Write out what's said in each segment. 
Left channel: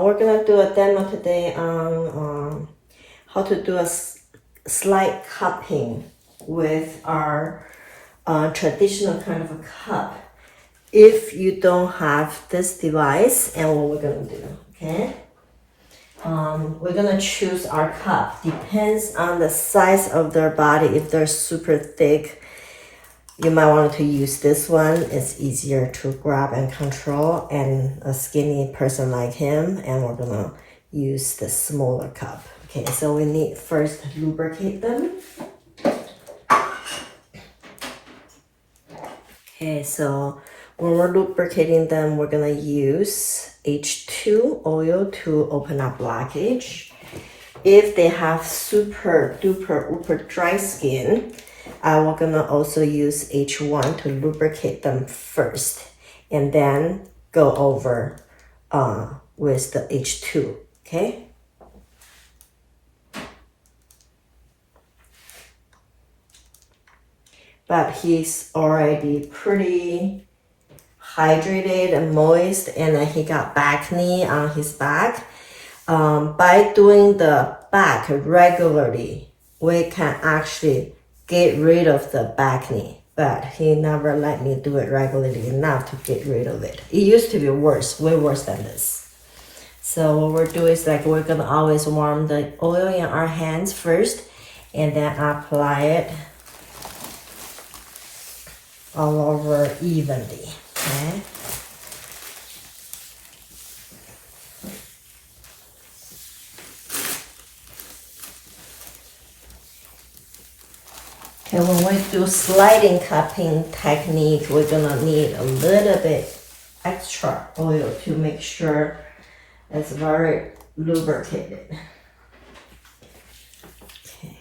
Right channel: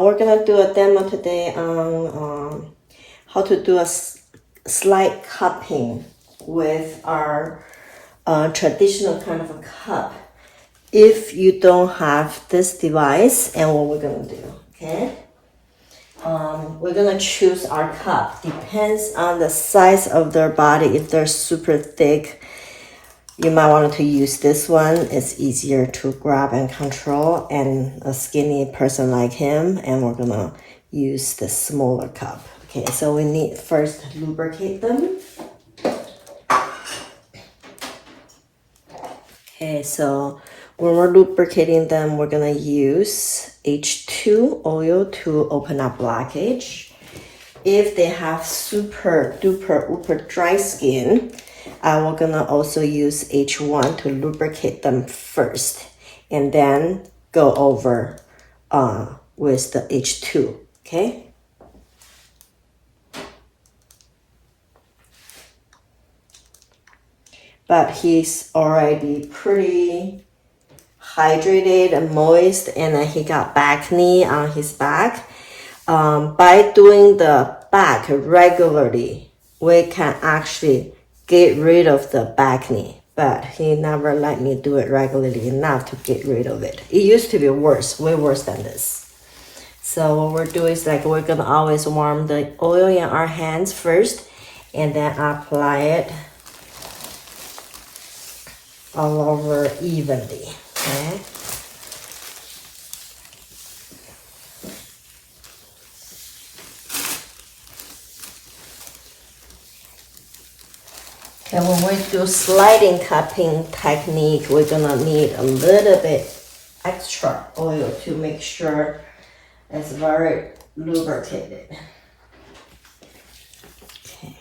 We're gonna do a demo today on how to do a slight cupping with our traditional kind of a cup. If you don't have this device, and what we're gonna do, okay? We're gonna choose our cup. Depends on the size of their body. If they're super thick, you might want to use this one. It's easier to grab and control, and a skinny person like him, and we're gonna use the smaller cup. Okay, so we need first lubricate them. Okay, so when we're lubricating them, we're gonna use H2 oil to open up blockage. If they have super duper uber dry skin, we're gonna also use H1 to lubricate them first, and then go over with the H2, okay? But he's already pretty hydrated and moist, and then he got back knee on his back. By doing the back regularly, we can actually get rid of the back knee, but he never let me do it regularly enough to get rid of it. It used to be worse, way worse than this. So what we're doing is like we're gonna always warm the oil in our hands first, and then apply it all over evenly, okay? And when we do sliding cupping technique, we're gonna need a little bit extra oil to make sure it's very lubricated. Okay.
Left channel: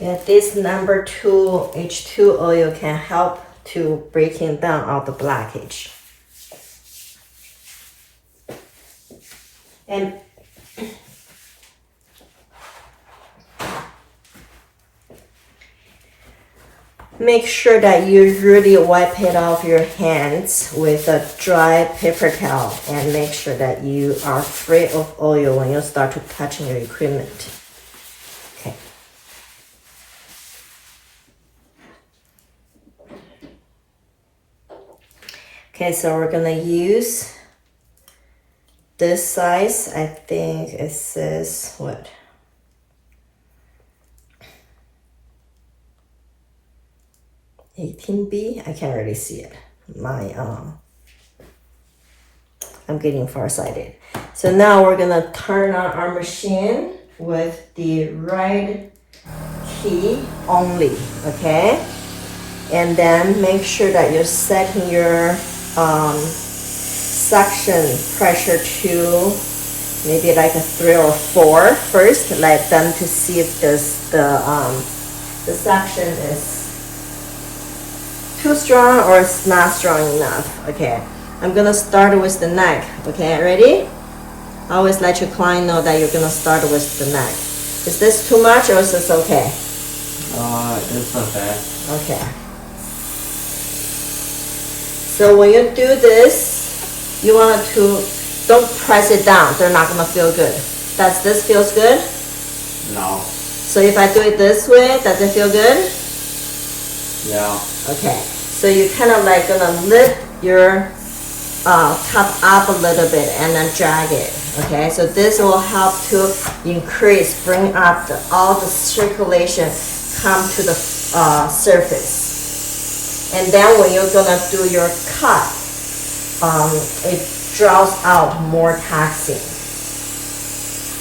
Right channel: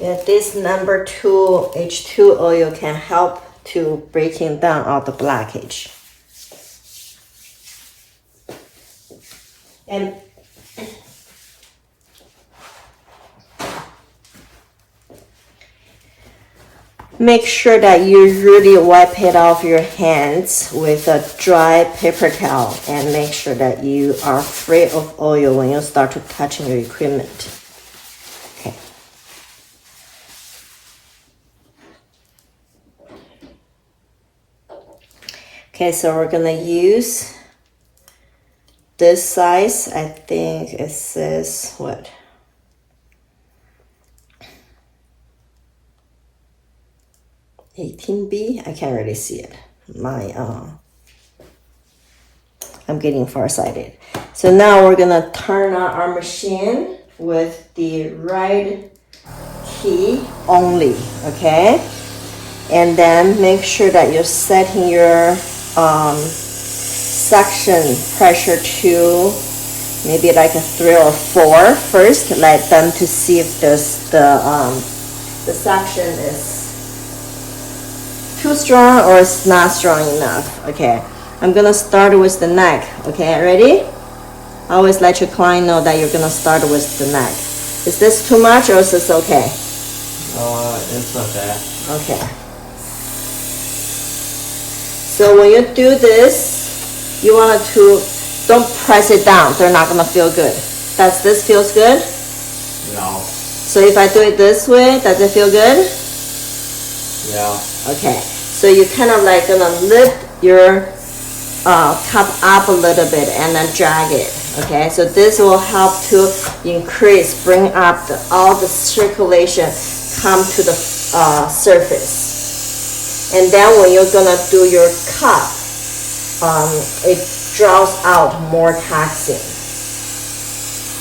Yeah, this number 2 H2 oil can help to breaking down all the blockage. And make sure that you really wipe it off your hands with a dry paper towel, and make sure that you are free of oil when you start to touching your equipment. Okay. Okay, so we're gonna use this size. I think it says what? $18B? I can't really see it. I'm getting farsighted. So now we're gonna turn on our machine with the right key only, okay? And then make sure that you're setting your suction pressure to maybe like a 3 or 4 first. Let them to see if the suction is too strong or it's not strong enough. Okay, I'm gonna start with the neck. Okay, ready? Always let your client know that you're gonna start with the neck. Is this too much or is this okay? It's okay. Okay. So when you do this, you want to, don't press it down. They're not gonna feel good. Does this feels good? No. So if I do it this way, does it feel good? Yeah. Okay. So you kind of like gonna lift your cup up a little bit and then drag it. Okay. So this will help to bring up all the circulation come to the surface. And then when you're gonna do your cup, it draws out more toxin.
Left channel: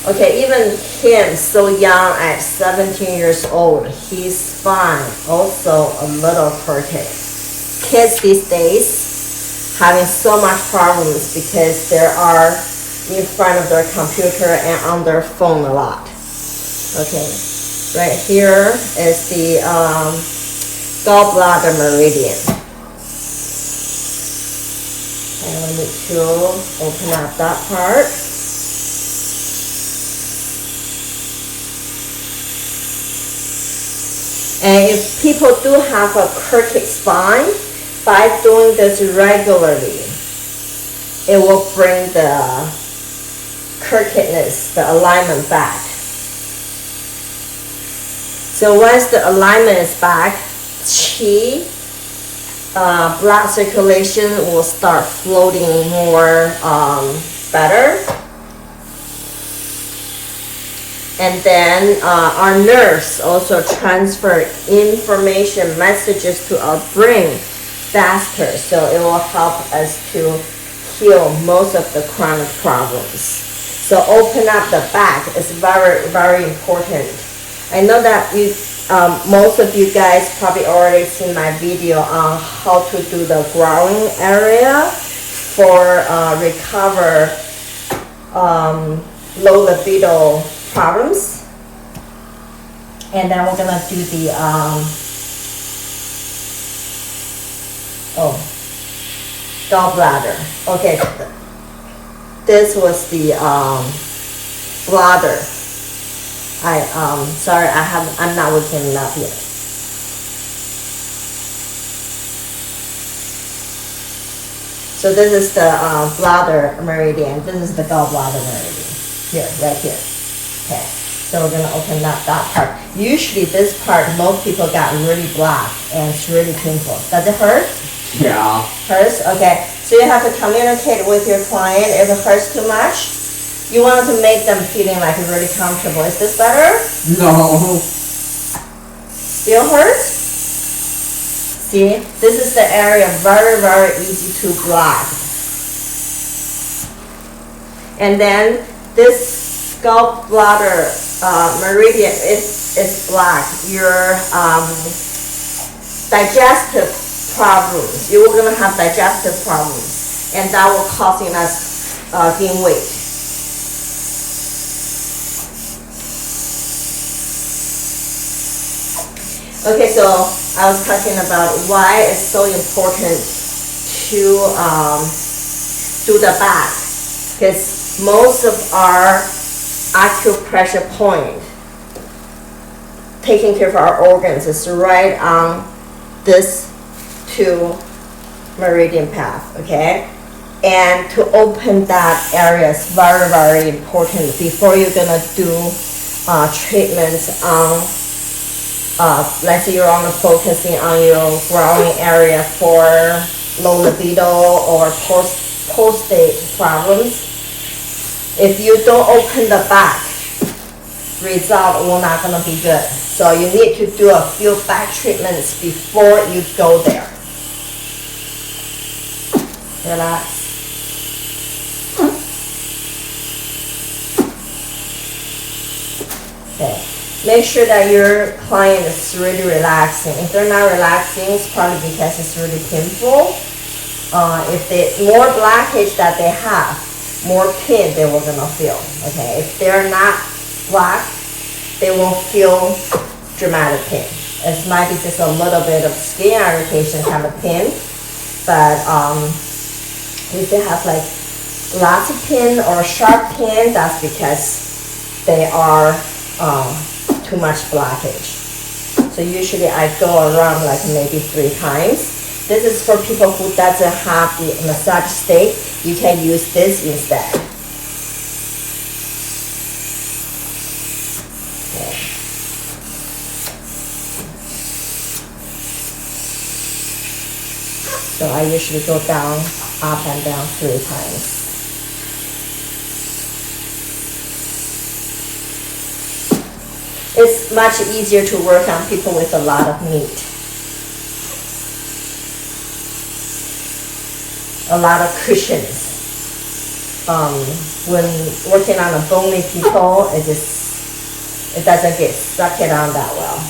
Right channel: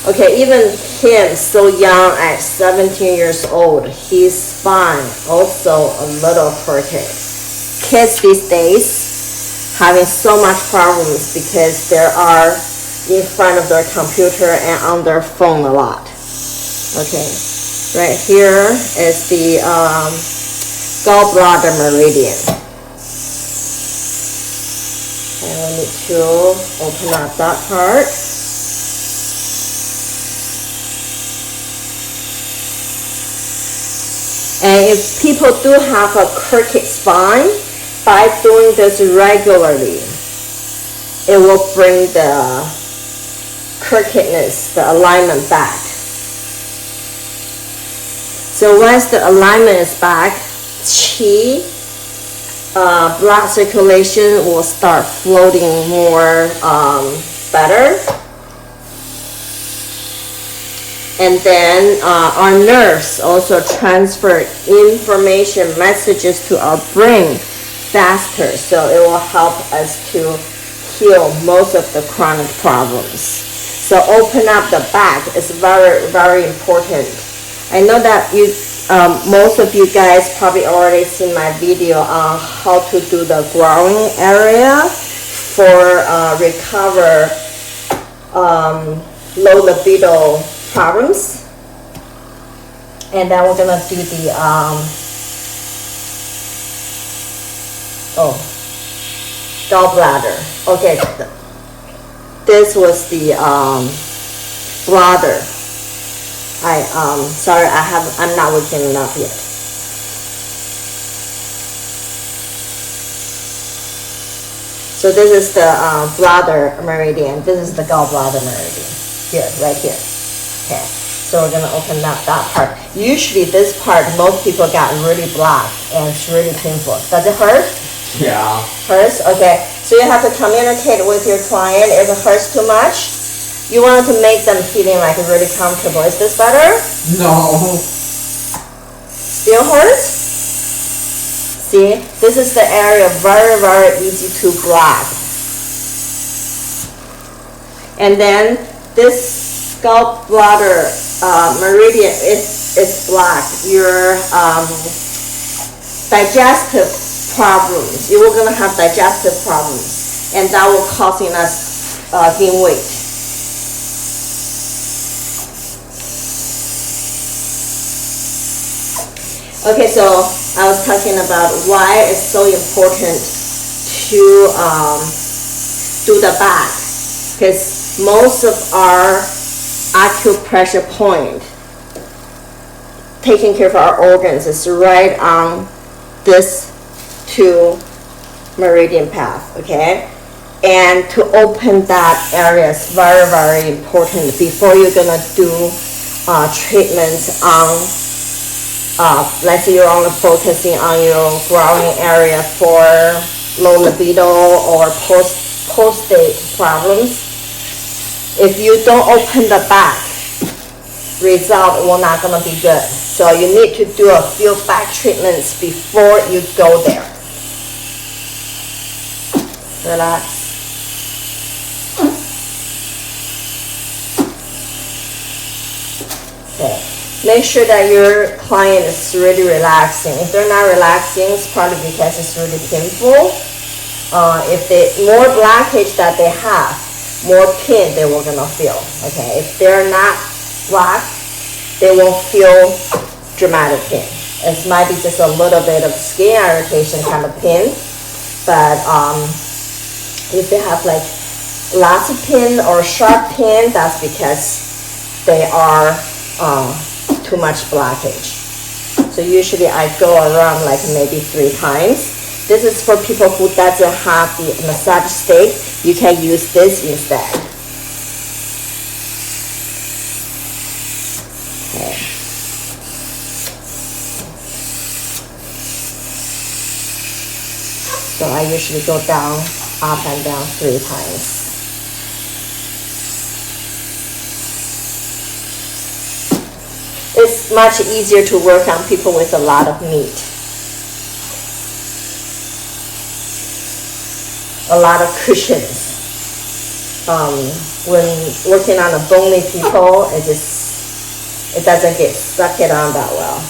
Okay, even him, so young at 17 years old, his spine also a little crooked. Kids these days having so much problems because they are in front of their computer and on their phone a lot. Okay, right here is the gallbladder meridian. And we need to open up that part. And if people do have a crooked spine, by doing this regularly, it will bring the crookedness, the alignment back. So once the alignment is back, qi, blood circulation will start floating more better. And then our nerves also transfer information, messages to our brain faster. So it will help us to heal most of the chronic problems. So open up the back is very, very important. I know that most of you guys probably already seen my video on how to do the growing area for recover low libido problems. And then we're gonna do the gallbladder. Okay, this was the bladder. Sorry, I'm not looking it up yet. So this is the bladder meridian. This is the gallbladder meridian. Here, right here. Okay, so we're gonna open up that part. Usually this part, most people got really black and it's really painful. Does it hurt? Yeah. Hurts? Okay. So you have to communicate with your client if it hurts too much. You want to make them feeling like really comfortable. Is this better? No. Still hurts? See, this is the area very, very easy to block. And then this gallbladder meridian is blocked. Your digestive problems. You are gonna have digestive problems, and that will causing us gain weight. Okay, so I was talking about why it's so important to do the back, because most of our acupressure point, taking care of our organs, is right on this two meridian path, okay? And to open that area is very, very important before you're gonna do treatments on, let's say you're only focusing on your growing area for low libido or prostate problems. If you don't open the back, result will not gonna be good. So you need to do a few back treatments before you go there. Relax. Okay. Make sure that your client is really relaxing. If they're not relaxing, it's probably because it's really painful. If the more blockage that they have, more pain they will gonna feel. Okay. If they're not blocked, they won't feel dramatic pain. It might be just a little bit of skin irritation kind of pain, but if they have like lots of pain or sharp pain, that's because they are too much blockage. So usually I go around like maybe 3 times. This is for people who doesn't have the massage stick. You can use this instead. Okay. So I usually go down, up and down 3 times. It's much easier to work on people with a lot of meat. A lot of cushions. When working on a bony people, it doesn't get stuck it on that well.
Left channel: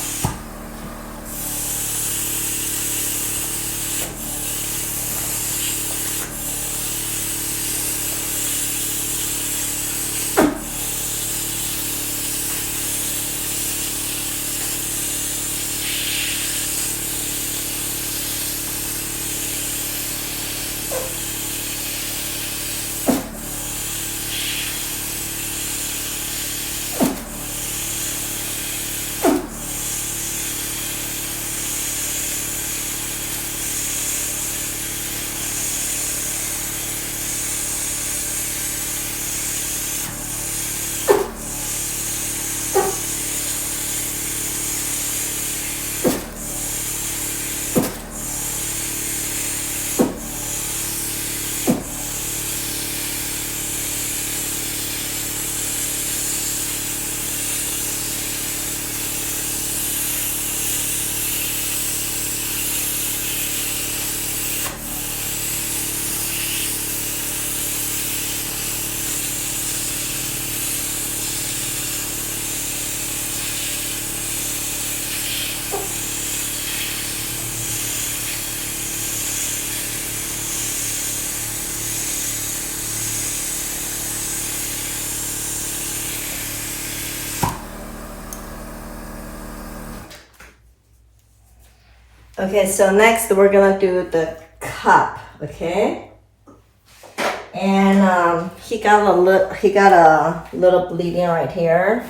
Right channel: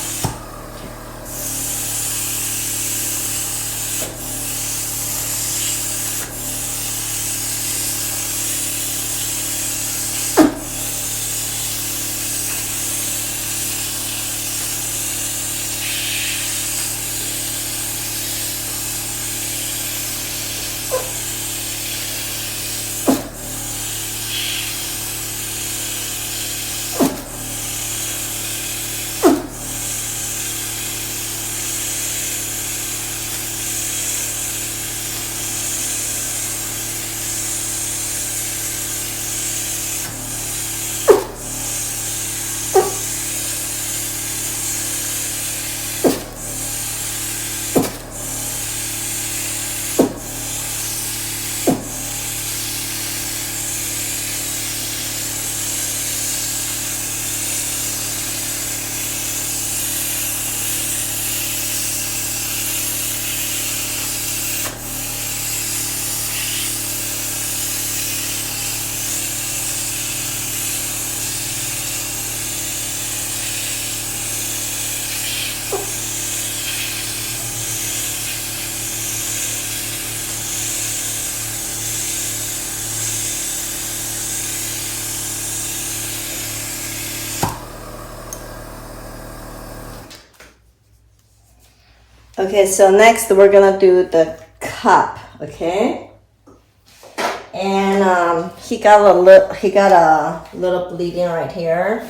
Okay, so next we're gonna do the cup, okay? And he got a little bleeding right here,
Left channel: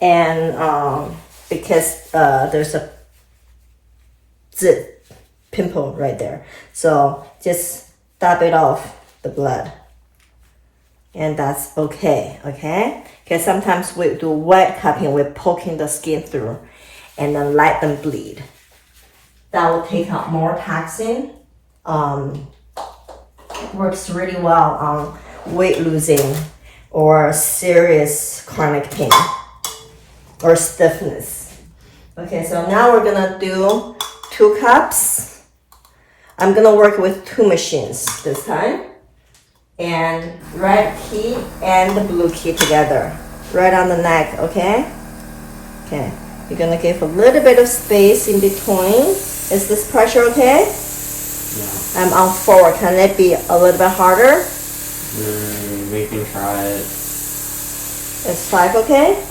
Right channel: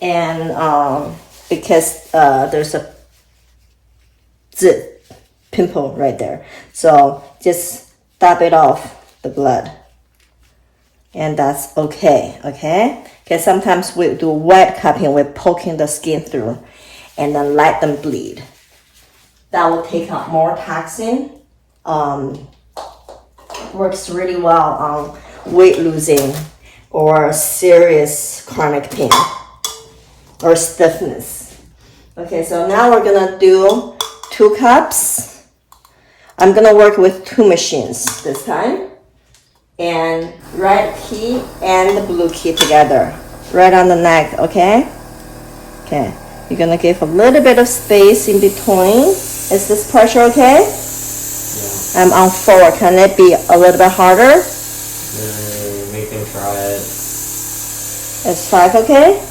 and because there's a pimple right there, so just dab it off the blood, and that's okay. Okay, because sometimes we do wet cupping, we're poking the skin through, and then let them bleed. That will take out more toxin. Works really well on weight losing or serious chronic pain or stiffness. Okay, so now we're gonna do 2 cups. I'm gonna work with 2 machines this time. And red key and the blue key together, right on the neck, okay? Okay, you're gonna give a little bit of space in between. Is this pressure okay? Yeah. I'm on 4. Can it be a little bit harder? We can try it. Is 5 okay?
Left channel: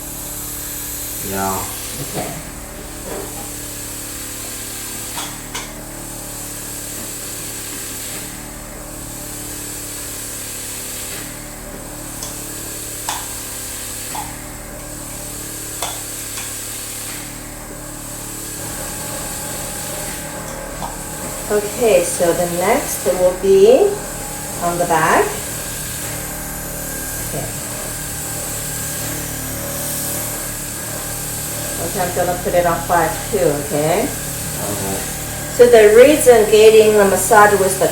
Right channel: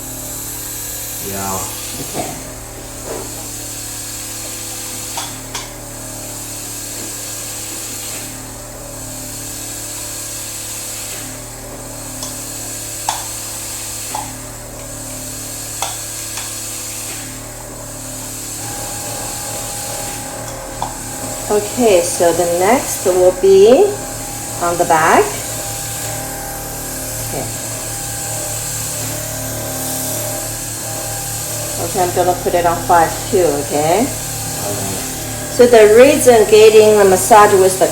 Yeah. Okay. Okay, so the next will be on the back. Okay. Okay, I'm gonna put it on 5 too, okay? Okay. So the reason getting the massage with the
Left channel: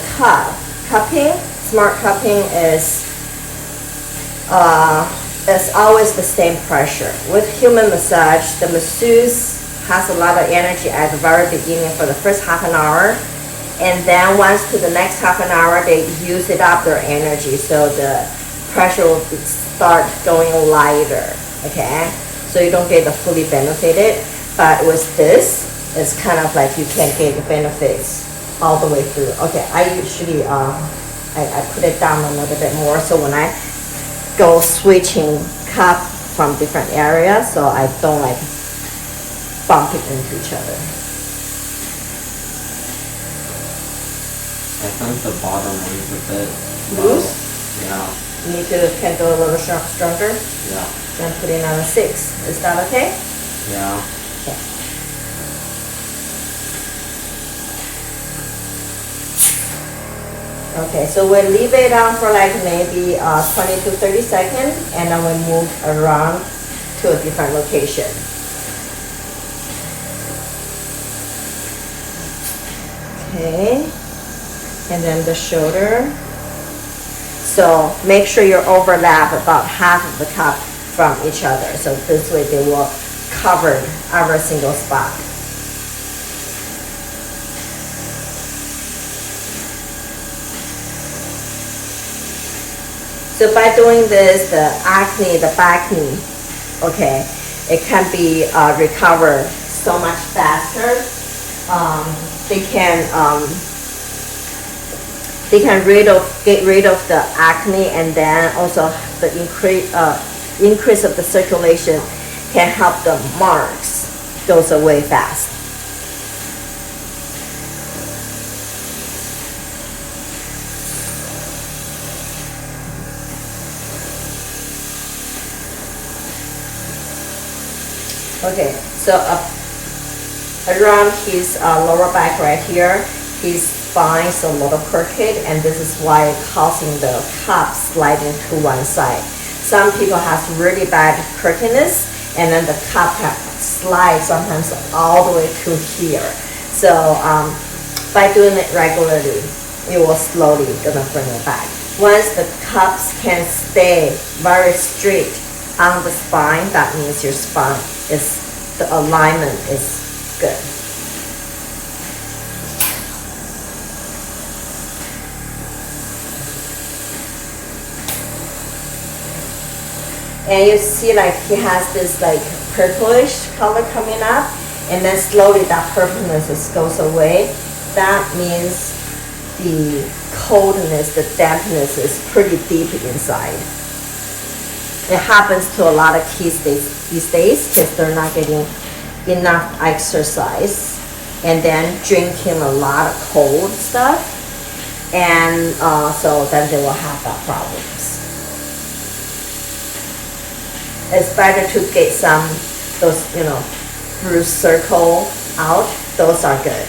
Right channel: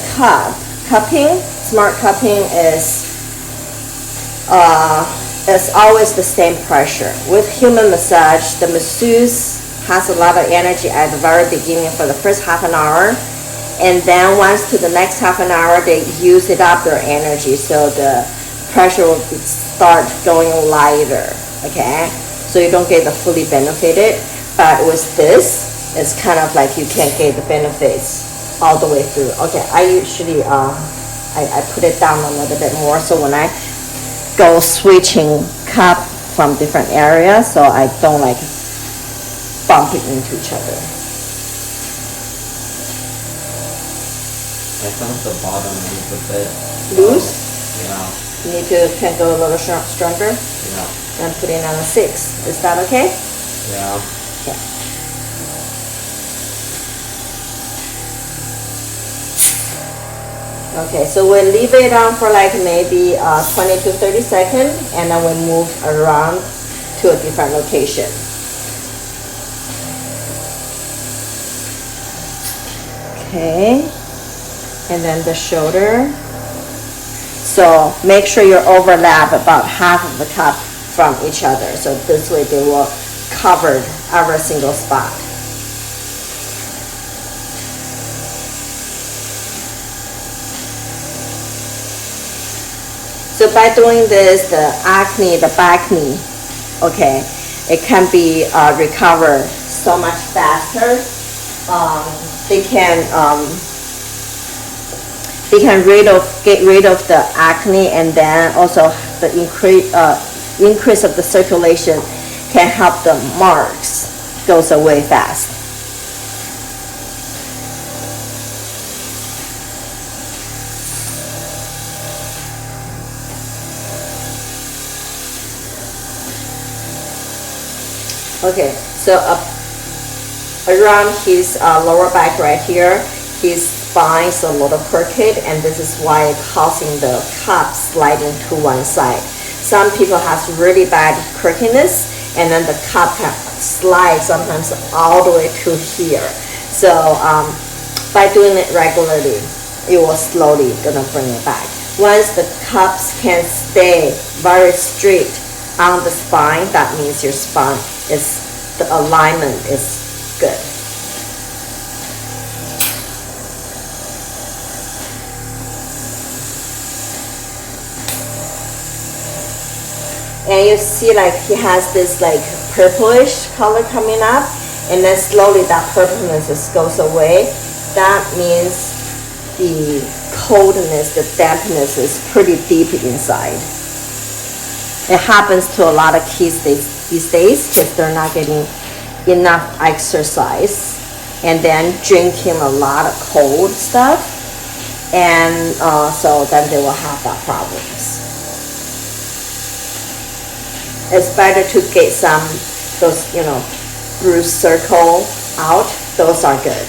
cupping, smart cupping is always the same pressure. With human massage, the masseuse has a lot of energy at the very beginning for the first half an hour. And then once to the next half an hour, they use it up their energy, so the pressure will start going lighter, okay? So you don't get the fully benefited, but with this, it's kind of like you can get the benefits all the way through. Okay, I usually, I put it down a little bit more, so when I go switching cup from different areas, so I don't like bump it into each other. I think the bottom is a bit Loose? Yeah. You need to can go a little stronger Yeah. and put it on a 6. Is that okay? Yeah. Yeah. Okay, so we leave it on for like maybe 20 to 30 seconds, and then we move around to a different location. Okay, and then the shoulder. So make sure you overlap about half of the cup from each other. So this way they will cover every single spot. So by doing this, the acne, the back knee, okay, it can be recovered so much faster. They can get rid of the acne, and then also the increase of the circulation can help the marks goes away fast. Okay, so around his lower back right here, his spine is a little crooked, and this is why it's causing the cup sliding to one side. Some people have really bad crookedness, and then the cup can slide sometimes all the way to here. So by doing it regularly, it will slowly gonna bring it back. Once the cups can stay very straight on the spine, that means your spine is, the alignment is good. And you see like he has this like purplish color coming up, and then slowly that purpleness just goes away. That means the coldness, the dampness is pretty deep inside. It happens to a lot of kids these days because they're not getting enough exercise. and then drinking a lot of cold stuff, and so then they will have that problems. It's better to get some those bruise circle out. Those are good.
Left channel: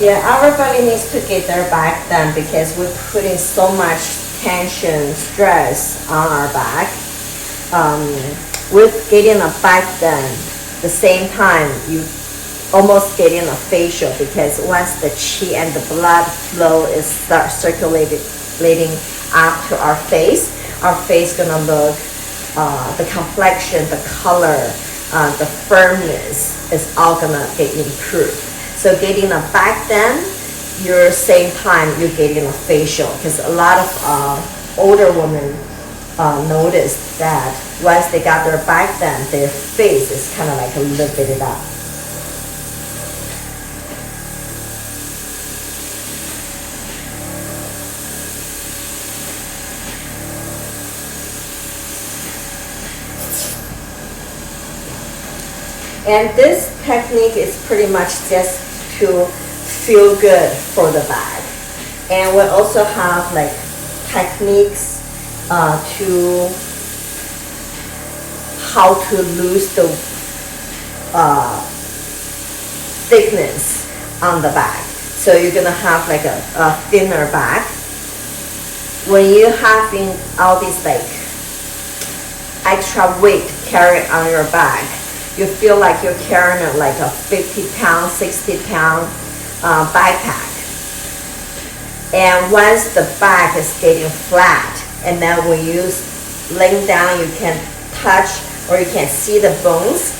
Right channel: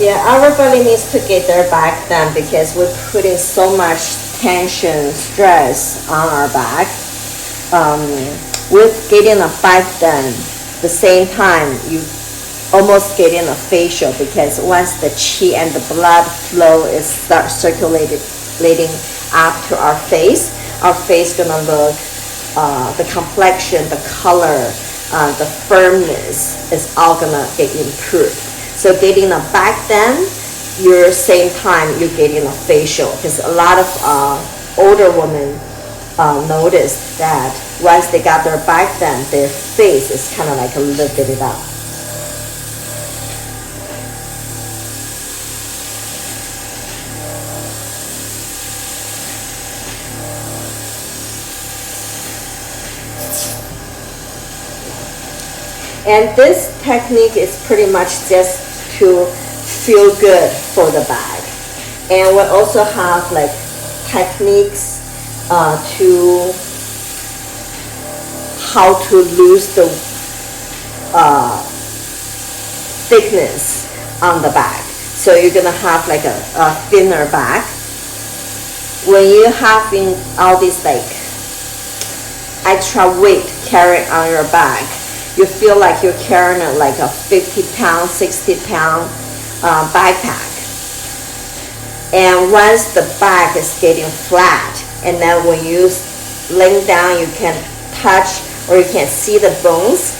Yeah, everybody needs to get their back done because we're putting so much tension, stress on our back. With getting a back done, the same time you almost getting a facial, because once the qi and the blood flow is start circulating up to our face gonna look, the complexion, the color, the firmness is all gonna get improved. So getting a back done, you're same time you're getting a facial, because a lot of older women notice that once they got their back done, their face is kind of like a lifted up. And this technique is pretty much just to feel good for the back. And we also have like techniques to how to lose the thickness on the back. So you're gonna have like a thinner back. When you having all this like extra weight carried on your back, you feel like you're carrying like a 50-pound, 60-pound backpack. And once the back is getting flat, and then when you laying down, you can touch or you can see the bones.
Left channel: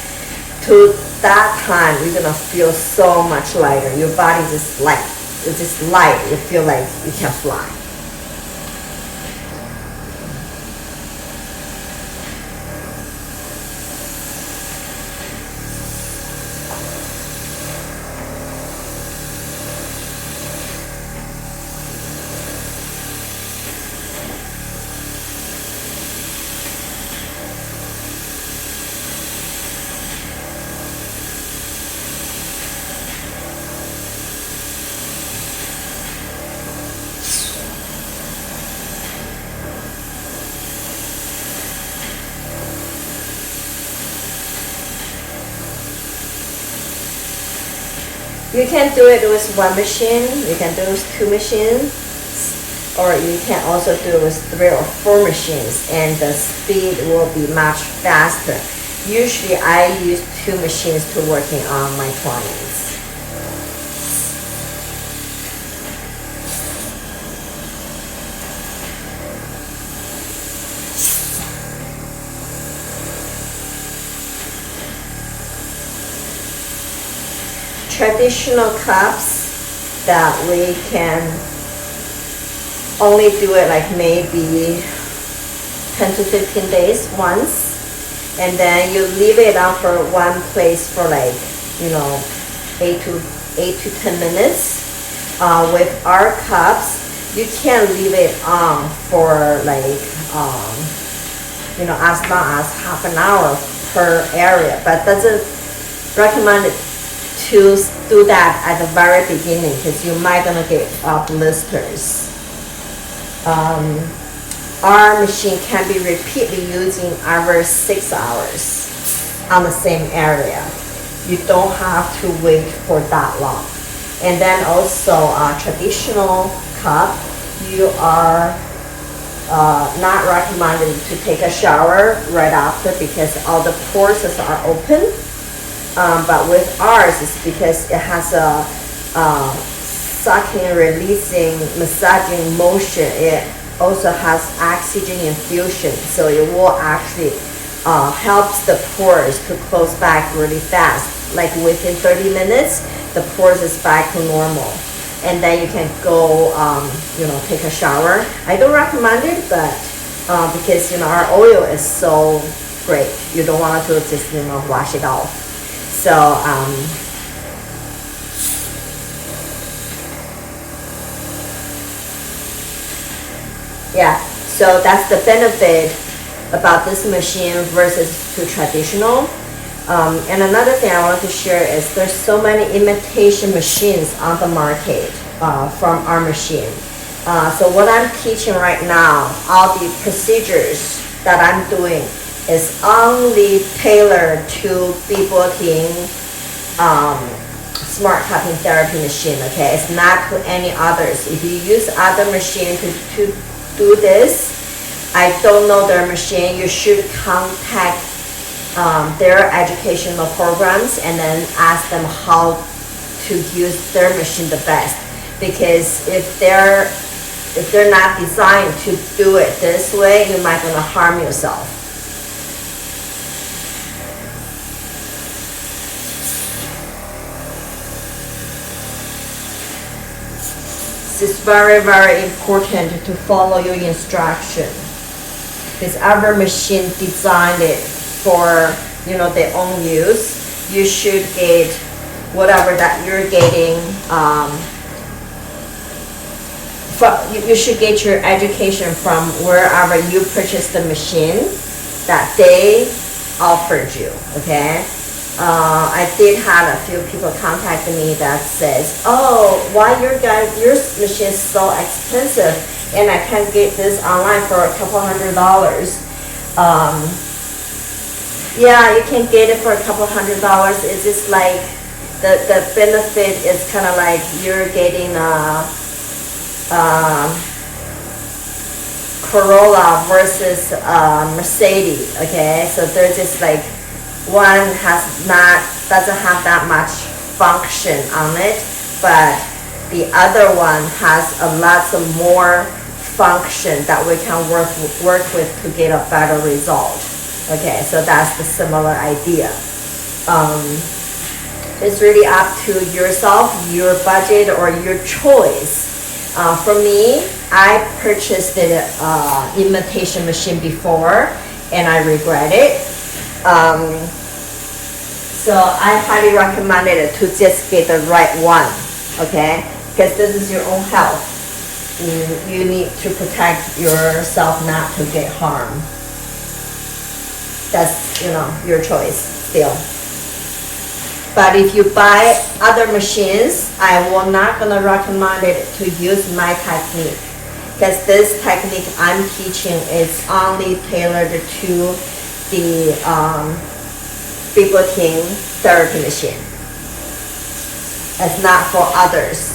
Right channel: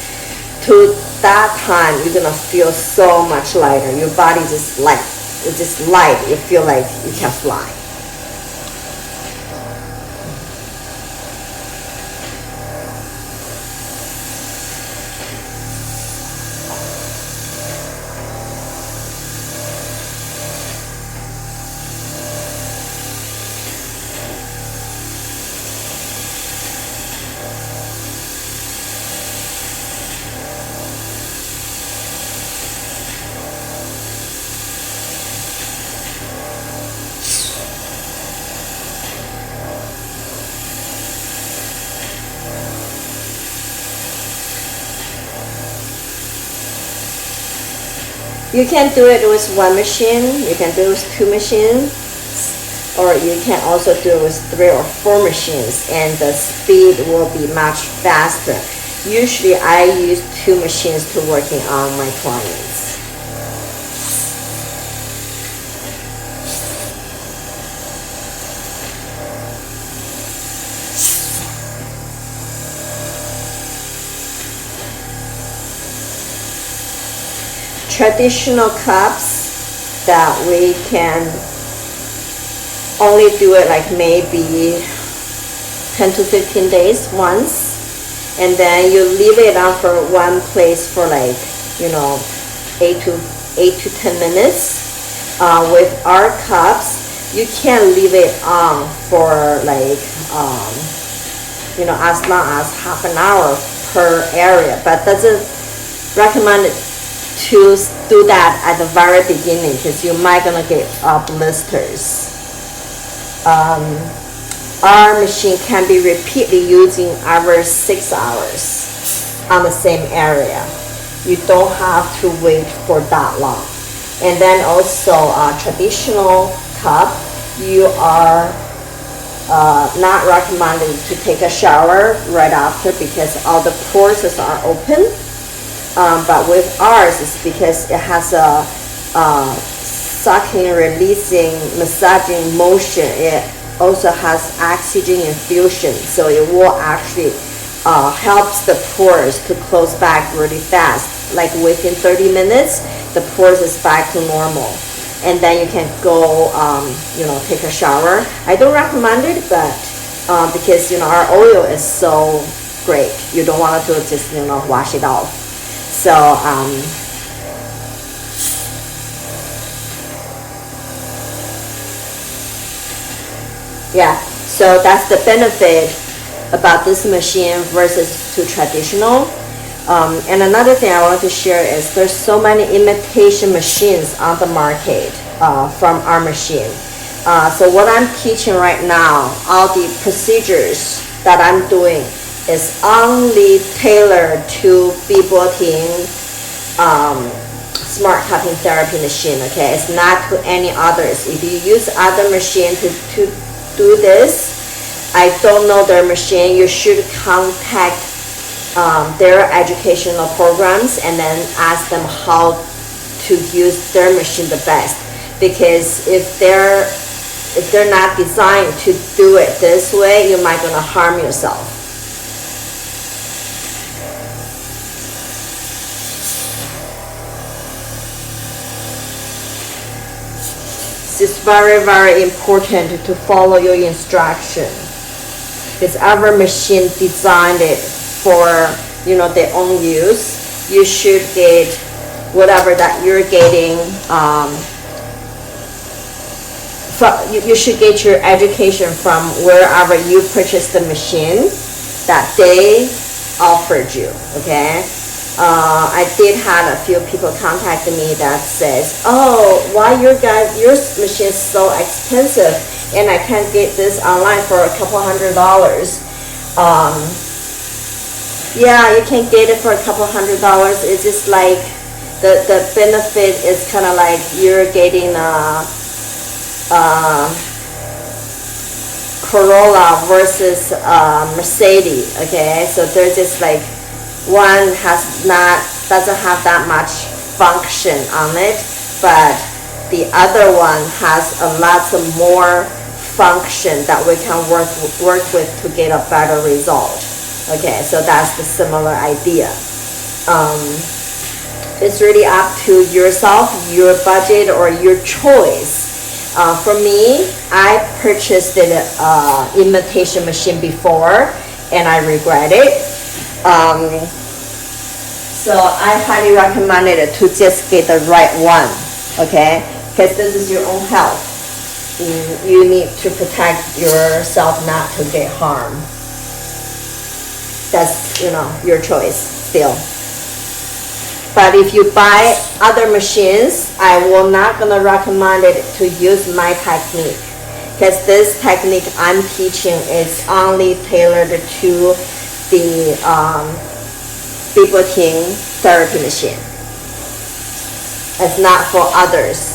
To that time, you're gonna feel so much lighter. Your body just light. It's just light. You feel like you can fly. You can do it with one machine, you can do it with two machines, or you can also do it with 3 or 4 machines, and the speed will be much faster. Usually I use 2 machines to working on my clients. Traditional cups that we can only do it like maybe 10 to 15 days once, and then you leave it on for one place for like 8 to 10 minutes. With our cups, you can leave it on for like as long as half an hour per area, but doesn't recommend it to do that at the very beginning, because you might gonna get blisters. Our machine can be repeatedly using every 6 hours on the same area. You don't have to wait for that long. And then also a traditional cup, you are not recommended to take a shower right after because all the pores are open. But with ours, it's because it has a sucking, releasing, massaging motion. It also has oxygen infusion, so it will actually helps the pores to close back really fast. Like within 30 minutes, the pores is back to normal. And then you can go, take a shower. I don't recommend it, but because, our oil is so great. You don't want to just, wash it off. So, yeah, so that's the benefit about this machine versus to traditional. And another thing I want to share is there's so many imitation machines on the market from our machine. So what I'm teaching right now, all the procedures that I'm doing is only tailored to biboting smart tapping therapy machine, okay? It's not to any others. If you use other machine to do this, I don't know their machine. You should contact their educational programs and then ask them how to use their machine the best. Because if they're not designed to do it this way, you might gonna harm yourself. It's very, very important to follow your instruction. Because our machine designed it for, their own use. You should get whatever that you're getting. You should get your education from wherever you purchased the machine that they offered you, okay? I did have a few people contact me that says, oh, why your machine is so expensive and I can't get this online for a couple $100. Yeah, you can get it for a couple $100. It's just like the benefit is kind of like you're getting Corolla versus Mercedes, okay? So they're just like, one doesn't have that much function on it, but the other one has a lot more function that we can work with to get a better result. Okay, so that's the similar idea. It's really up to yourself, your budget, or your choice. For me, I purchased an imitation machine before, and I regret it. So I highly recommend it to just get the right one, okay? Because this is your own health. You need to protect yourself not to get harmed. That's, your choice still. But if you buy other machines, I will not gonna recommend it to use my technique. Because this technique I'm teaching is only tailored to the biboting therapy machine. It's not for others.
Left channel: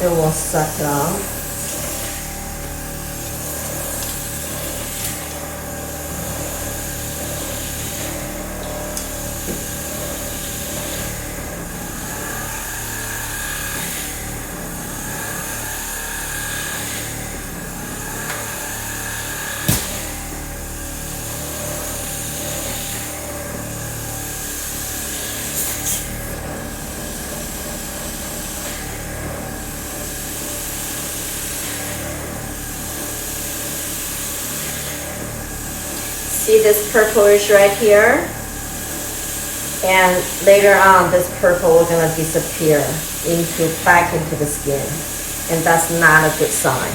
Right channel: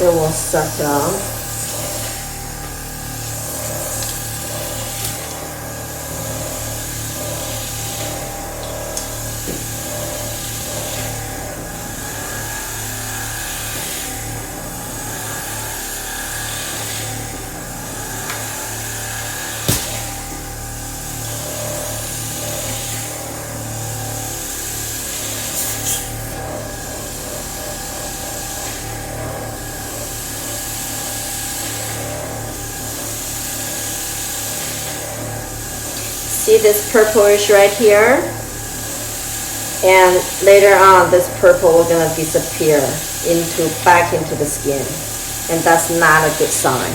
It will suck out. see this purplish right here? And later on, this purple will gonna disappear back into the skin. And that's not a good sign.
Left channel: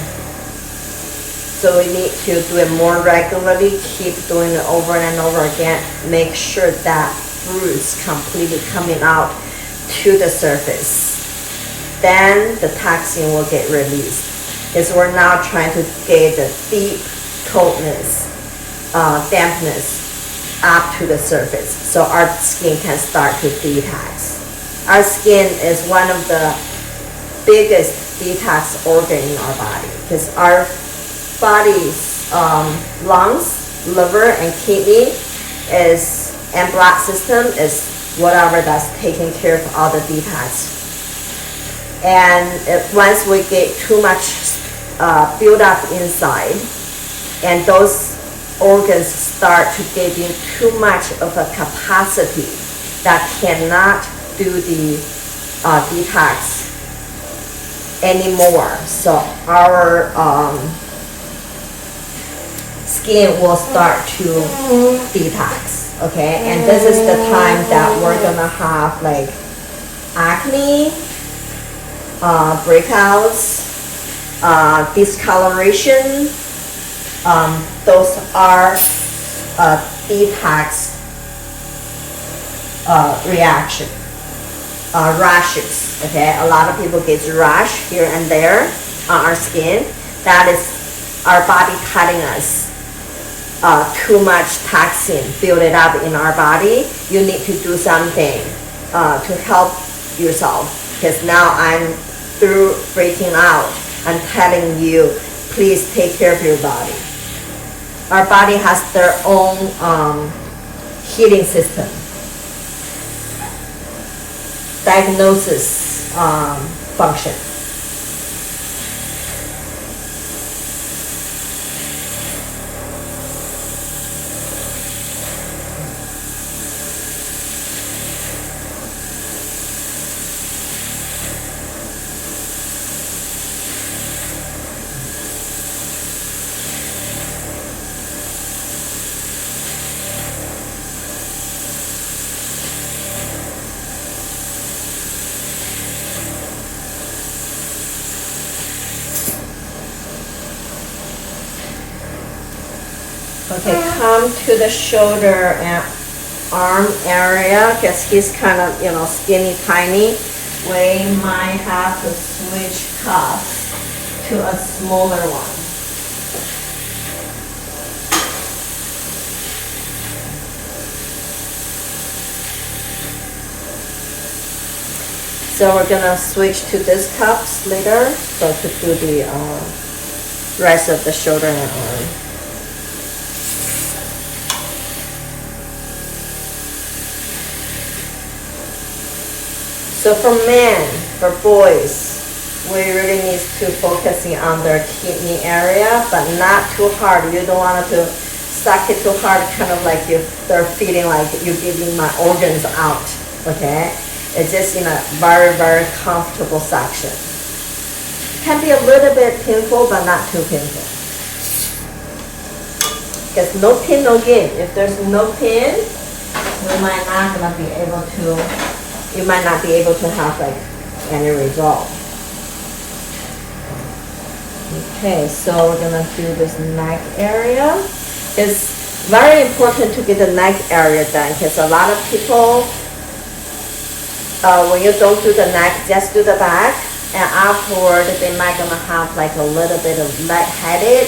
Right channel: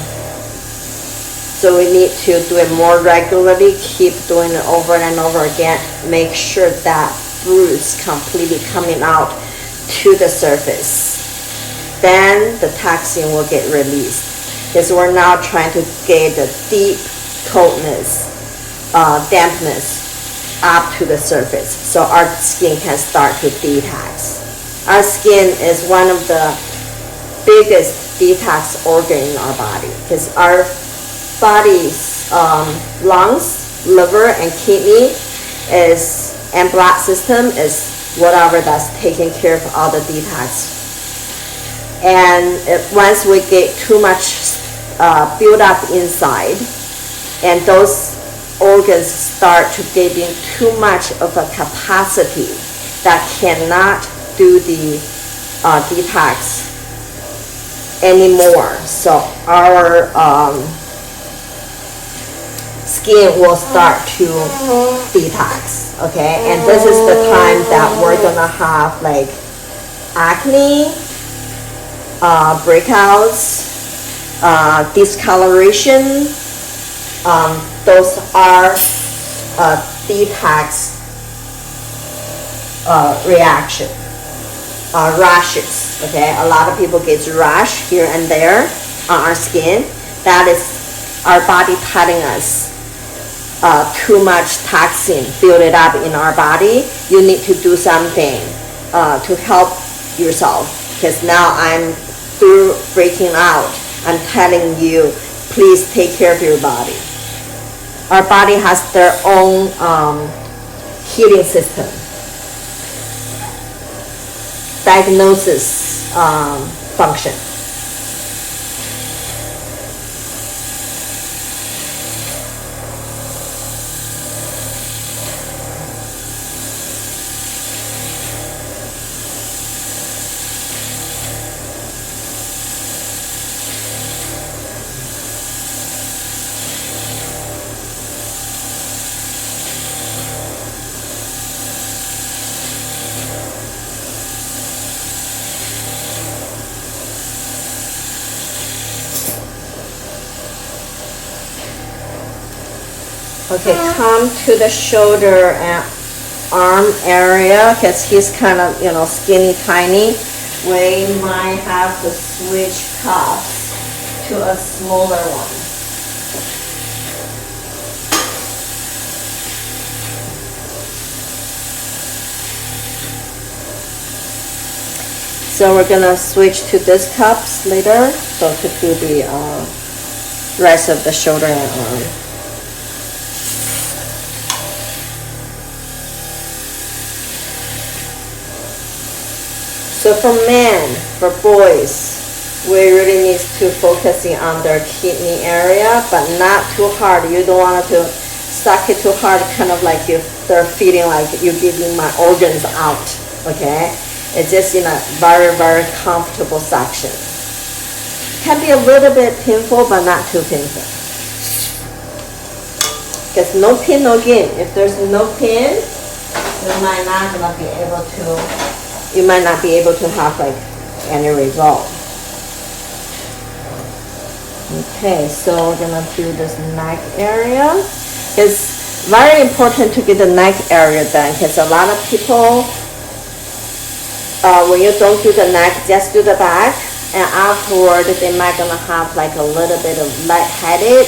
So we need to do it more regularly, keep doing it over and over again. Make sure that bruise completely coming out to the surface. Then the toxin will get released. Because we're now trying to get the deep coldness, dampness up to the surface. So our skin can start to detox. Our skin is one of the biggest detox organ in our body. Because our body's lungs, liver, and kidney and blood system is whatever that's taking care of all the detox. And once we get too much build up inside, and those organs start to getting too much of a capacity that cannot do the detox anymore. So our skin will start to detox, okay? And this is the time that we're gonna have like acne, breakouts, discoloration. Those are detox reaction. Rashes, okay? A lot of people get rash here and there on our skin. That is our body telling us too much toxin build it up in our body. You need to do something to help yourself, because now I'm through breaking out. I'm telling you, please take care of your body. Our body has their own healing system, diagnosis function. Okay, come to the shoulder and arm area, because he's kind of, skinny, tiny. We might have to switch cuffs to a smaller one. So we're gonna switch to these cuffs later, so to do the rest of the shoulder and arm. So for men, for boys, we really need to focusing on their kidney area, but not too hard. You don't want to suck it too hard, kind of like they're feeling like you're giving my organs out, okay? It's just in a very, very comfortable suction. Can be a little bit painful, but not too painful. Because no pain, no gain. If there's no pain, you might not be able to have like any result. Okay, so we're gonna do this neck area. It's very important to get the neck area done, because a lot of people, when you don't do the neck, just do the back, and afterward they might gonna have like a little bit of lightheaded,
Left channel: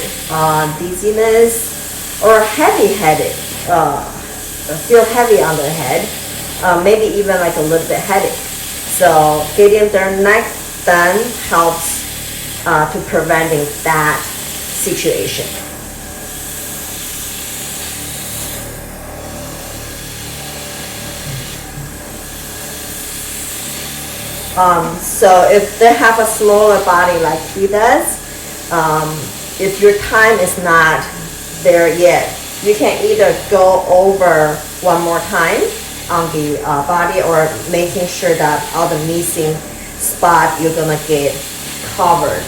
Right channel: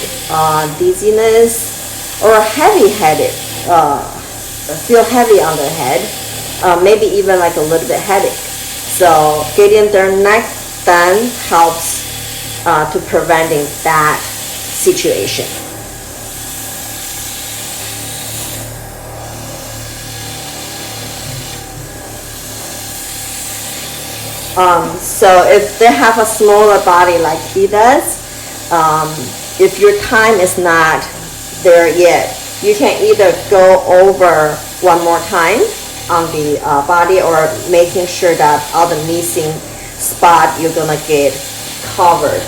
dizziness, or heavy-headed, feel heavy on their head. Maybe even like a little bit headache. So getting their neck done helps to preventing that situation. So if they have a smaller body like he does, if your time is not there yet, you can either go over one more time on the body, or making sure that all the missing spot you're gonna get covered.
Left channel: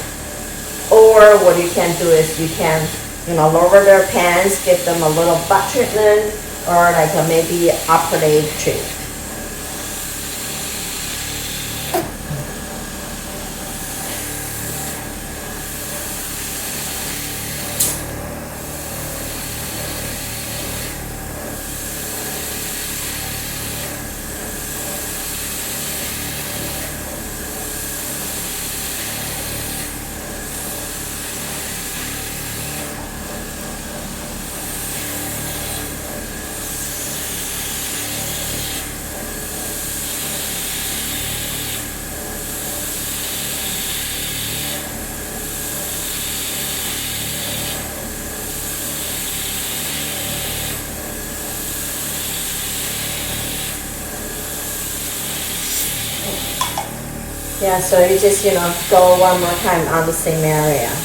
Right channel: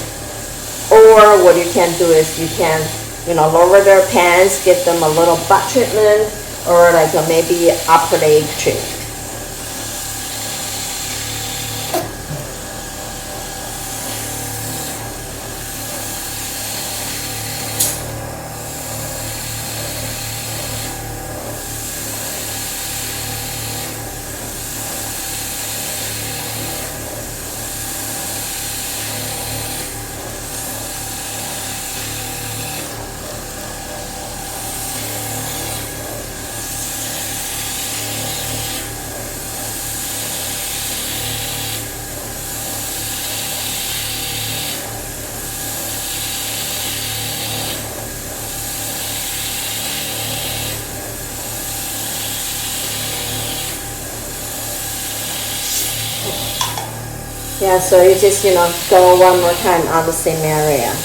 Or what you can do is you can lower their pants, give them a little butt treatment, or like maybe upper leg treatment. Yeah, so you just, go one more time on the same area.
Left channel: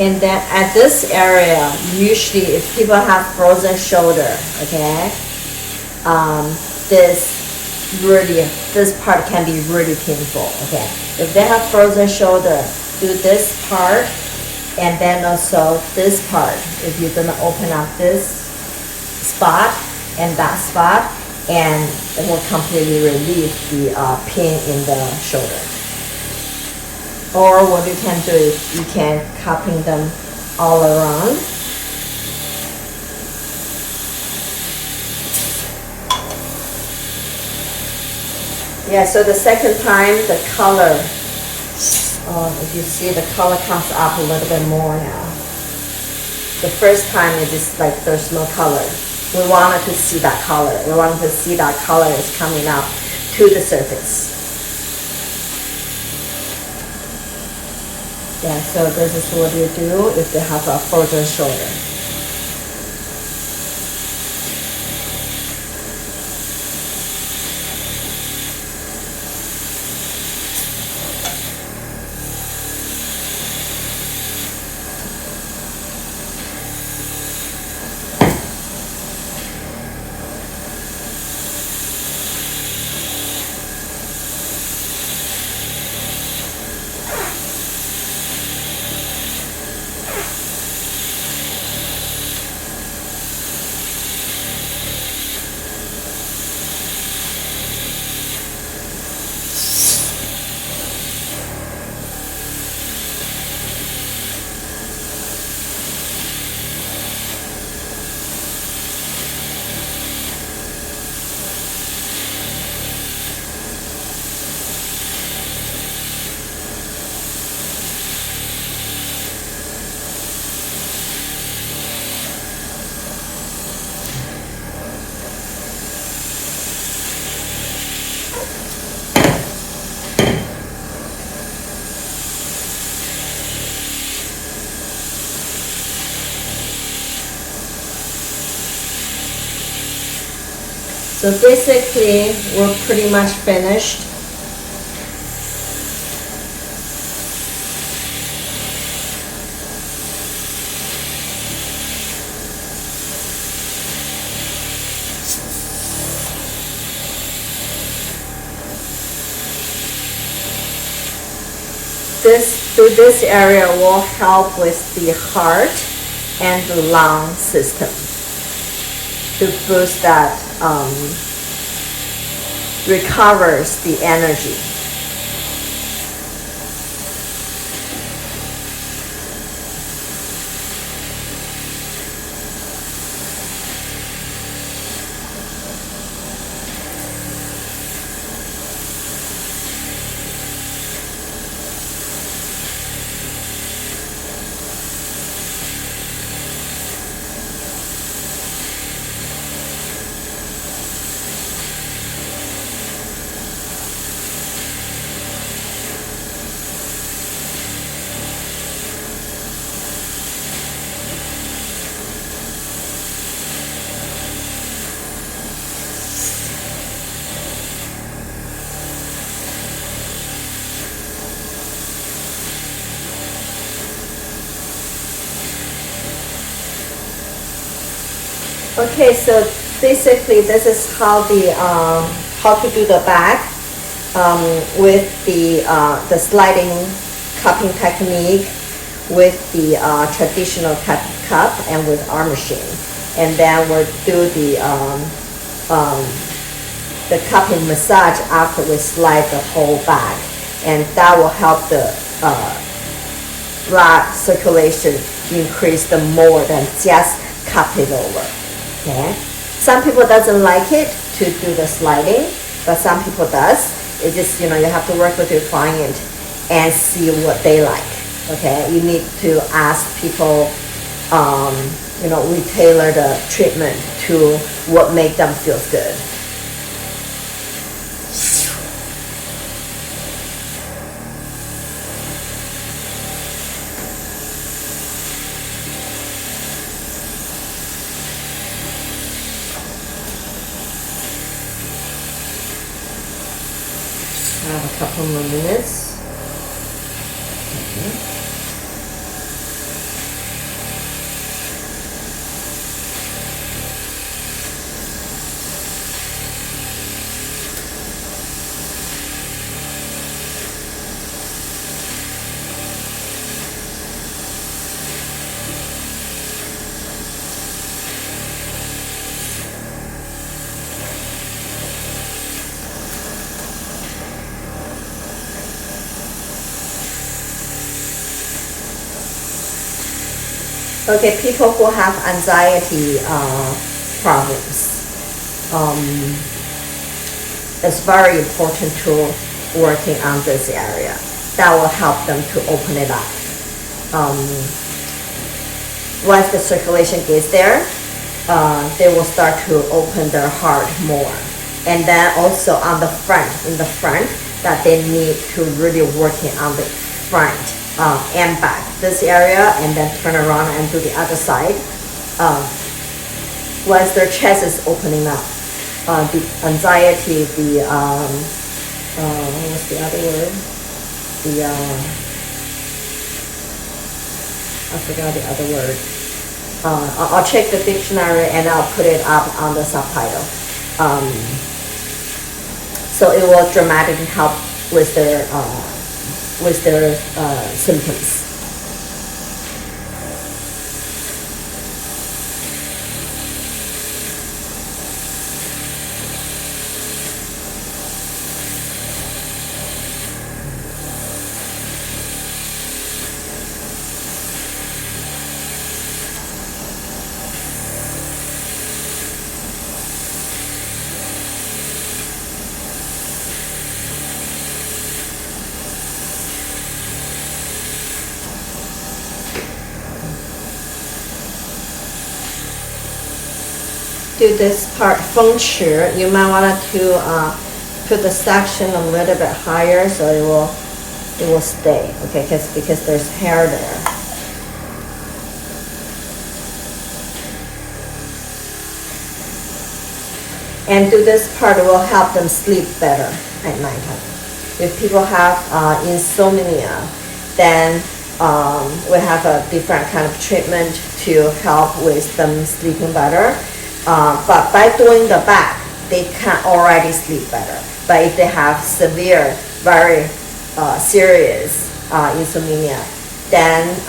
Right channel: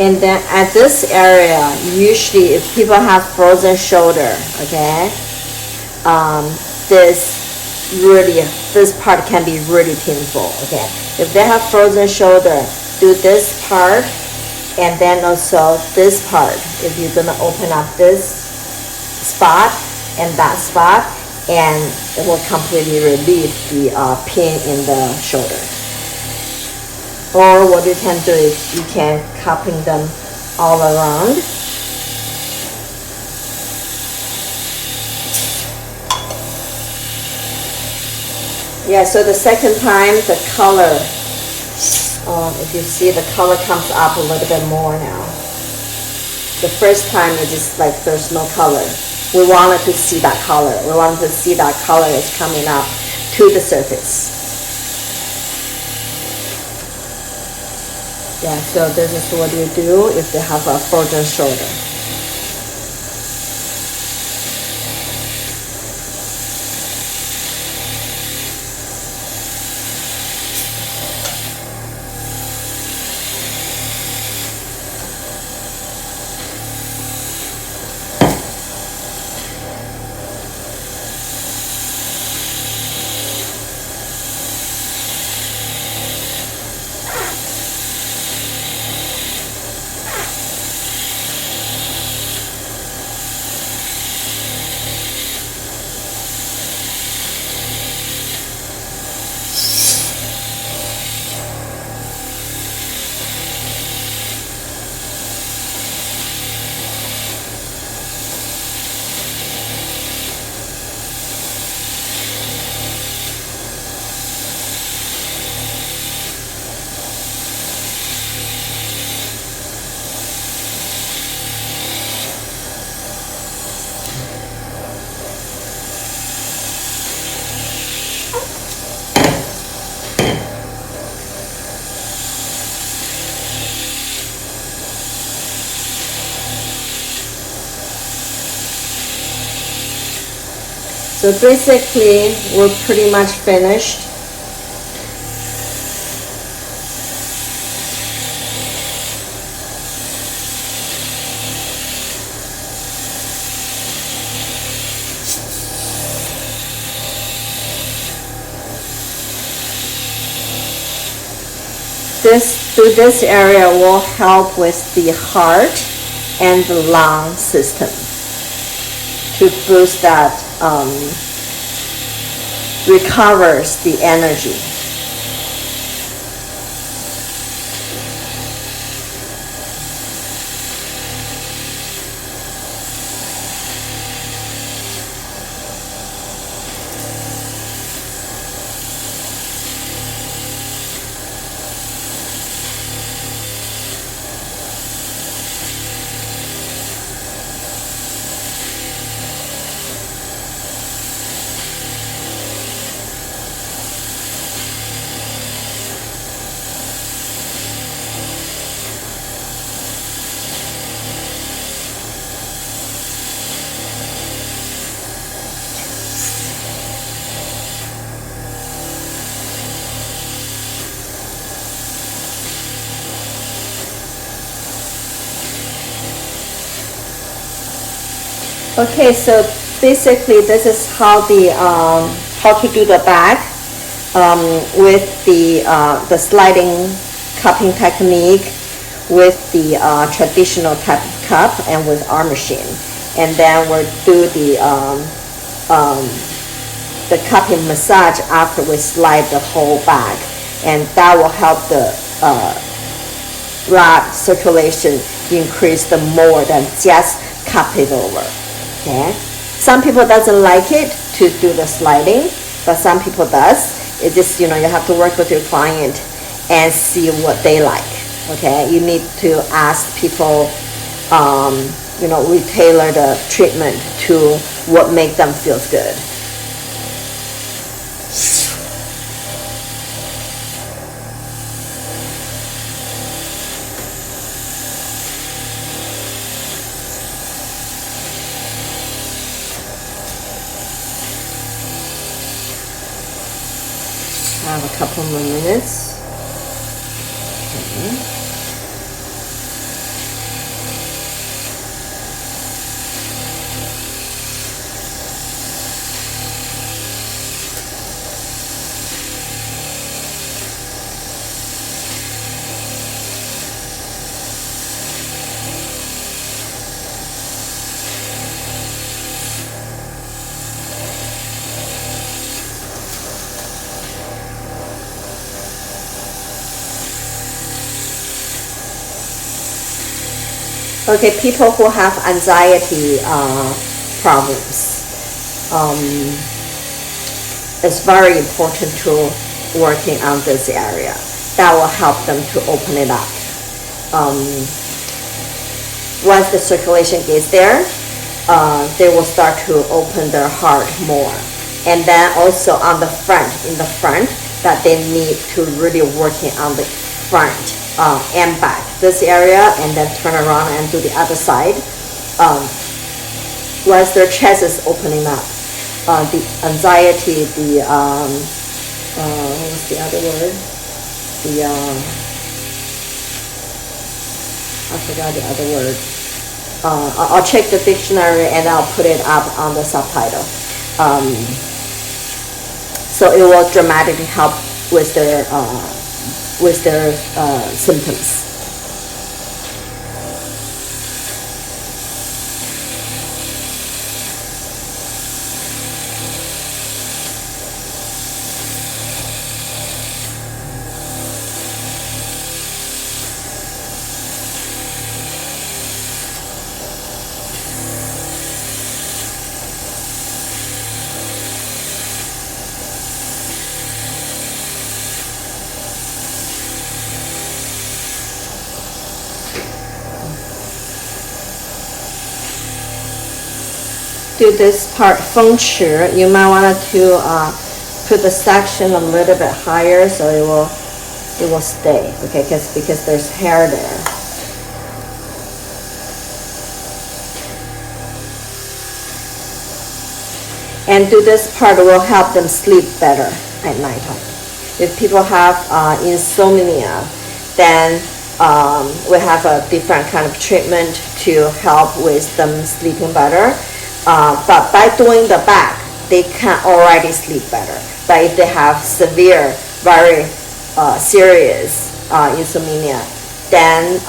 And then at this area, usually if people have frozen shoulder, okay, this part can be really painful, okay. If they have frozen shoulder, do this part, and then also this part. If you're gonna open up this spot and that spot, and it will completely relieve the pain in the shoulder. Or what you can do is you can cupping them all around. Yeah, so the second time the color, if you see, the color comes up a little bit more now. The first time it's just like there's no color. We wanted to see that color. We wanted to see that color is coming up to the surface. Yeah, so this is what you do if they have a frozen shoulder. So basically, we're pretty much finished. This area will help with the heart and the lung system to boost that, recovers the energy. Okay, so basically this is how the how to do the back. with the sliding cupping technique, with the traditional type of cup, and with our machine. And then we'll do the cupping massage after we slide the whole back, and that will help the blood circulation increase the more than just cup it over. Okay, some people doesn't like it to do the sliding, but some people does. It just, you have to work with your client and see what they like. Okay, you need to ask people, we tailor the treatment to what makes them feel good. I have a couple more minutes. Okay, people who have anxiety problems, it's very important to working on this area. That will help them to open it up. Once the circulation gets there, they will start to open their heart more. And then also on the front, that they need to really working on the front and back, this area, and then turn around and do the other side. Once their chest is opening up, the anxiety, what's the other word? I forgot the other word. I'll check the dictionary and I'll put it up on the subtitle. So it will dramatically help with their symptoms. Do this part feng shui, you might want to put the section a little bit higher so it will stay, okay? Because there's hair there. And do this part will help them sleep better at nighttime. If people have insomnia, then we have a different kind of treatment to help with them sleeping better. But by doing the back, they can already sleep better. But if they have severe, very serious insomnia, then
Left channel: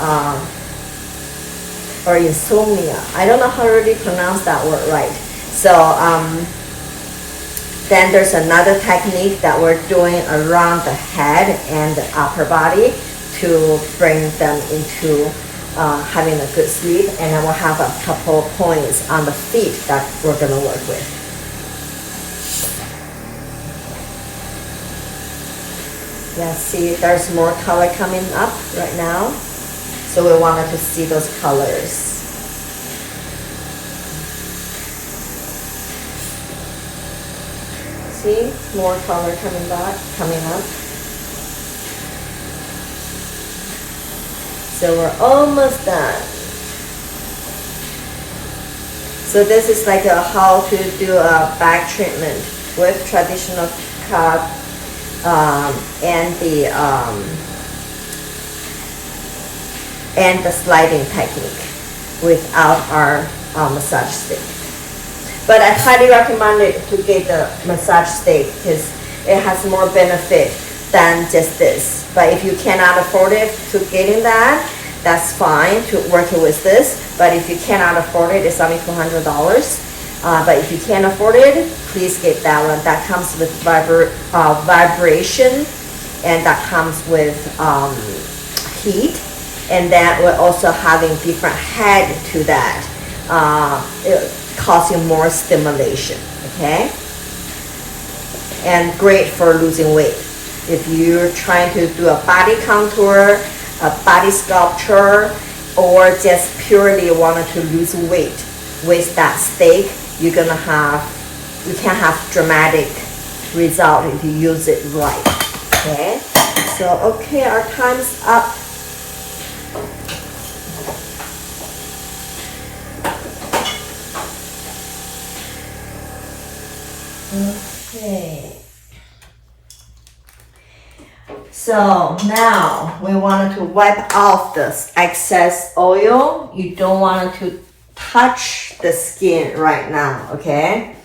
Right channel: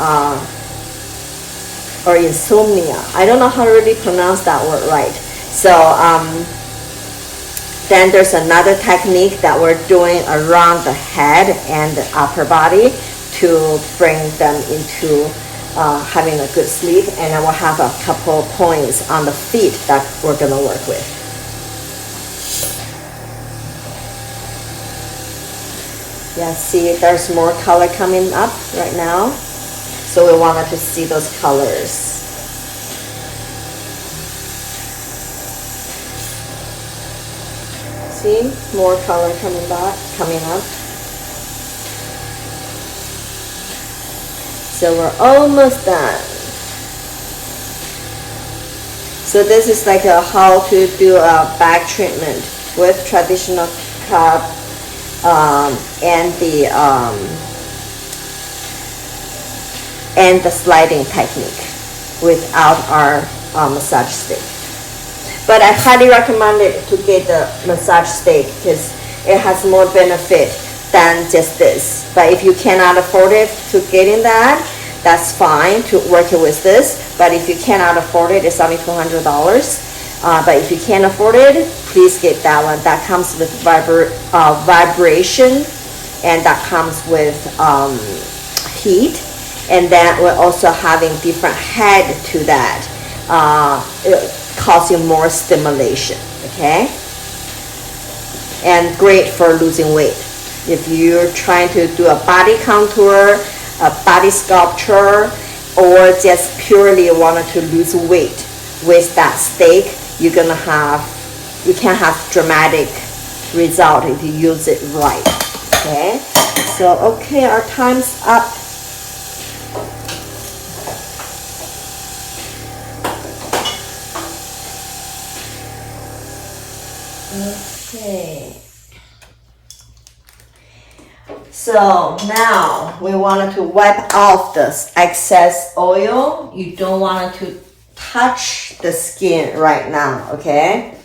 or insomnia, I don't know how to really pronounce that word right. So then there's another technique that we're doing around the head and the upper body to bring them into having a good sleep, and then we'll have a couple of points on the feet that we're going to work with. Yeah, see, there's more color coming up right now, so we wanted to see those colors. See, more color coming up. So we're almost done. So this is like how to do a back treatment with traditional cup and the sliding technique without our massage stick. But I highly recommend it to get the massage stick because it has more benefit than just this. But if you cannot afford it to getting that, that's fine to work with this. But if you cannot afford it, it's only $200. But if you can't afford it, please get that one. That comes with vibration, and that comes with heat, and then we're also having different head to that. It causing more stimulation, okay? And great for losing weight. If you're trying to do a body contour, a body sculpture, or just purely wanted to lose weight with that steak, you can have dramatic result if you use it right. Okay, so okay, our time's up. Okay, so now we wanted to wipe off this excess oil. You don't want to touch the skin right now, okay?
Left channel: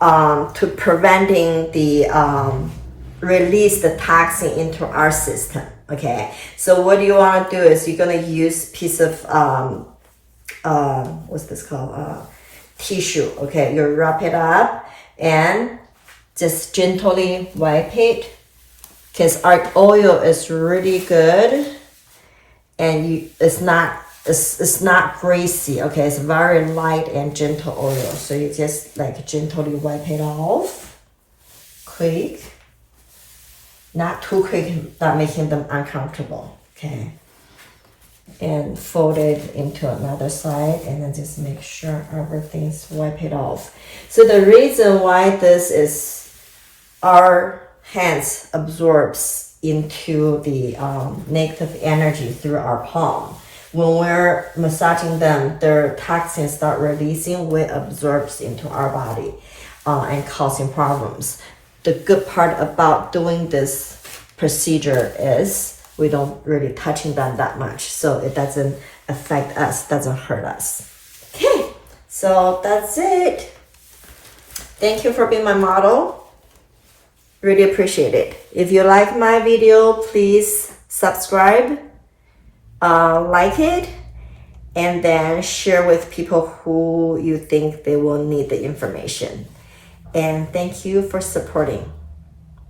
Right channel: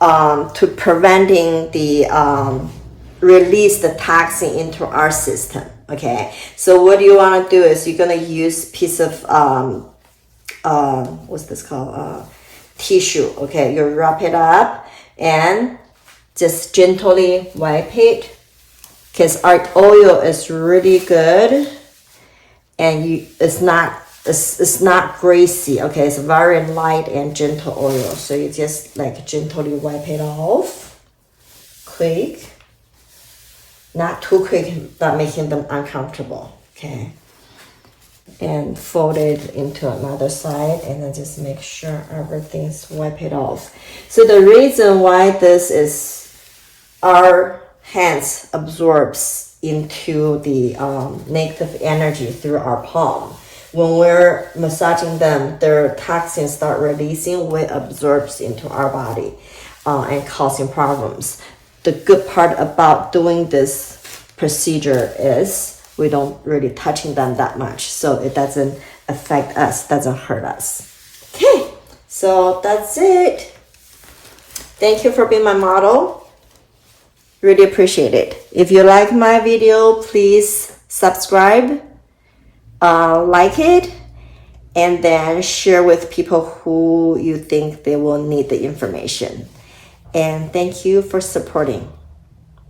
To preventing the release the toxin into our system, okay? So what you want to do is you're gonna use piece of what's this called? Tissue, okay? You wrap it up and just gently wipe it, because our oil is really good, and it's not greasy, okay? It's very light and gentle oil, so you just like gently wipe it off, quick, not too quick, not making them uncomfortable, okay? And fold it into another side, and then just make sure everything's wipe it off. So the reason why this is, our hands absorbs into the negative energy through our palm. When we're massaging them, their toxins start releasing, which absorbs into our body and causing problems. The good part about doing this procedure is we don't really touching them that much, so it doesn't affect us, doesn't hurt us. Okay, so that's it. Thank you for being my model. Really appreciate it. If you like my video, please subscribe, like it, and then share with people who you think they will need the information. And thank you for supporting.